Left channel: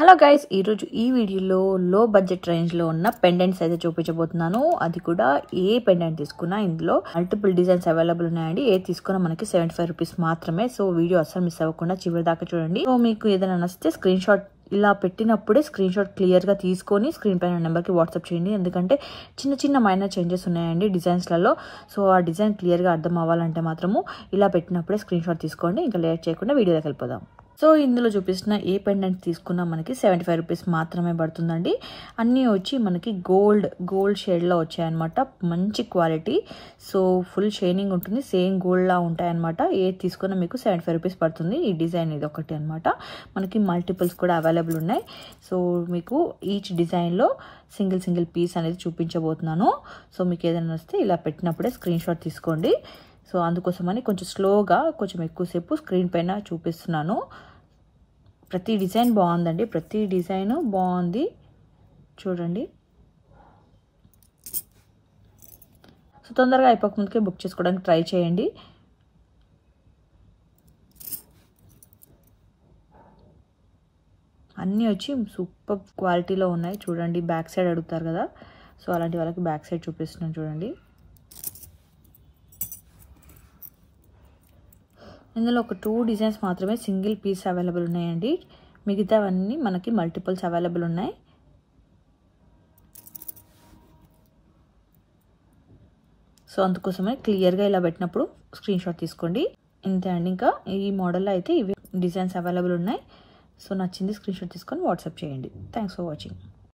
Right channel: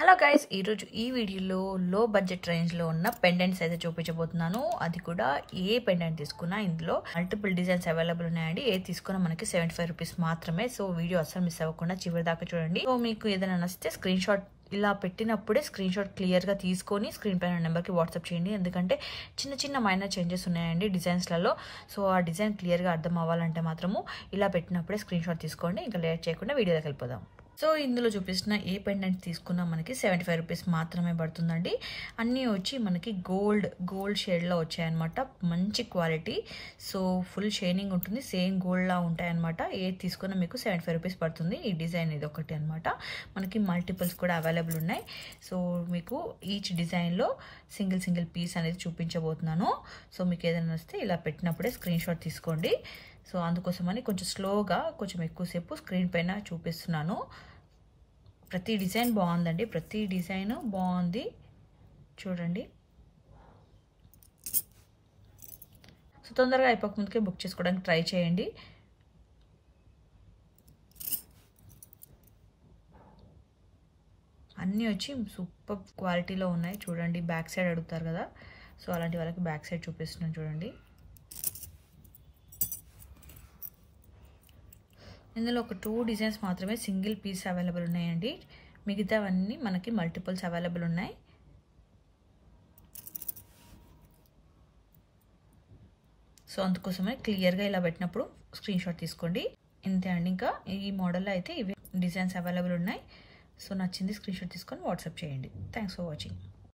Hello guys, ఈరోజు ఈ వీడియోలో లో బడ్జెట్ రేంజ్లో ఉన్న పెండెంట్స్ అయితే చూపించబోతున్నాను. అది కూడా ఏ పెండెంట్ తీసుకున్నా ఇందులో మల్టిపుల్ డిజైన్స్ అవైలబుల్ ఉన్నాయండి. ఏ తీసుకున్నా మనకి 75 రూపీస్ మాత్రమే. సో వీడియో అస్సలు మిస్ అవ్వకుండా చివరి దాకా చూడండి. సో మీకు ఏదైనా నచ్చితే స్క్రీన్ షాట్ ఇలా పెట్టినప్పుడే స్క్రీన్ షాట్ క్లియర్గా తీసుకొని స్క్రీన్ పైన నెంబర్కి వాట్సాప్ చేయండి. ఎందుకంటే చిన్న చిన్న మైనర్ చేంజెస్ ఉన్నాయండి డిజైన్స్లలో. సో ఆ డిజైన్ క్లియర్గా అర్థం అవ్వాలంటే మాత్రము ఇలా పెట్టినప్పుడే స్క్రీన్ షాట్ తీసుకోండి. ఇంకా లేట్ చేయకుండా వీడియోలోకి వెళ్ళిపోదాం. సో ఇందులో చూపిస్తున్న ఏ పెండెంట్ తీసుకున్నా మనకి 75 రూపీస్ మాత్రమే పడుతుందండి. అన్నీ వచ్చి మనకి గోల్డ్ షేడ్లో వచ్చాయన్నమాట. మంచి క్వాలిటీ. సో ఫుల్ షైనింగ్ ఉంటుంది, సేమ్ గోల్డ్లా ఉంటాయన్నమాట. ఏది తీసుకున్నా మీకు 75 రూపీస్ పడుతుంది. ఈ డిజైన్ ఇది ఒకటి అనమాట. మనకి మల్టిపుల్స్ కూడా అవైలబుల్ ఉన్నాయి. సో మీకు ఈచ్ డిజైన్లో సింగిల్ పీస్ అనేది చూపించబోతున్నాను. సో మీకు ఏదైనా వస్తే ఇలా పెట్టినప్పుడే స్క్రీన్ షాట్ తీసుకోండి. సో అందుకోసమని కొంచెం స్లోగా కొంచెం ఎక్కువసేపు స్క్రీన్ పైన చూపిస్తున్నాను. ప్రతి డిజైన్ బాగుందండి, ప్రతి డిజైన్ బాగుంది చూడండి. సో తొందరగా అయిపోకముందుకే బుక్ చేసుకోవడానికి ట్రై చేయండి. అన్నీ వచ్చి సూపర్ క్వాలిటీలో ఉన్నాయి చూడండి. బ్యాక్ సైడ్ అడుగుతారు కదా, సో అలాంటి వాళ్ళకి బ్యాక్ సైడ్ చూపిస్తున్నాను చూడండి. ఇందులో ఒక 2 డిజైన్స్ మాత్రమే సింగిల్ పీస్ అవైలబుల్ ఉన్నాయండి. మిగతావన్నీ మనకి మల్టిపుల్స్ అవైలబుల్ ఉన్నాయి. సో అందుకోసమే క్లియర్గా ఇలా పెట్టినప్పుడు స్క్రీన్ షాట్ తీసుకోండి. ఇంతే అండి. ఇంకా ఈ మోడల్లో అయితే ఇవి డిజైన్స్ అవైలబుల్ ఉన్నాయి. సో నచ్చింది స్క్రీన్ షాట్ తీసుకొని వాట్సాప్ చేయండి. Thanks for watching.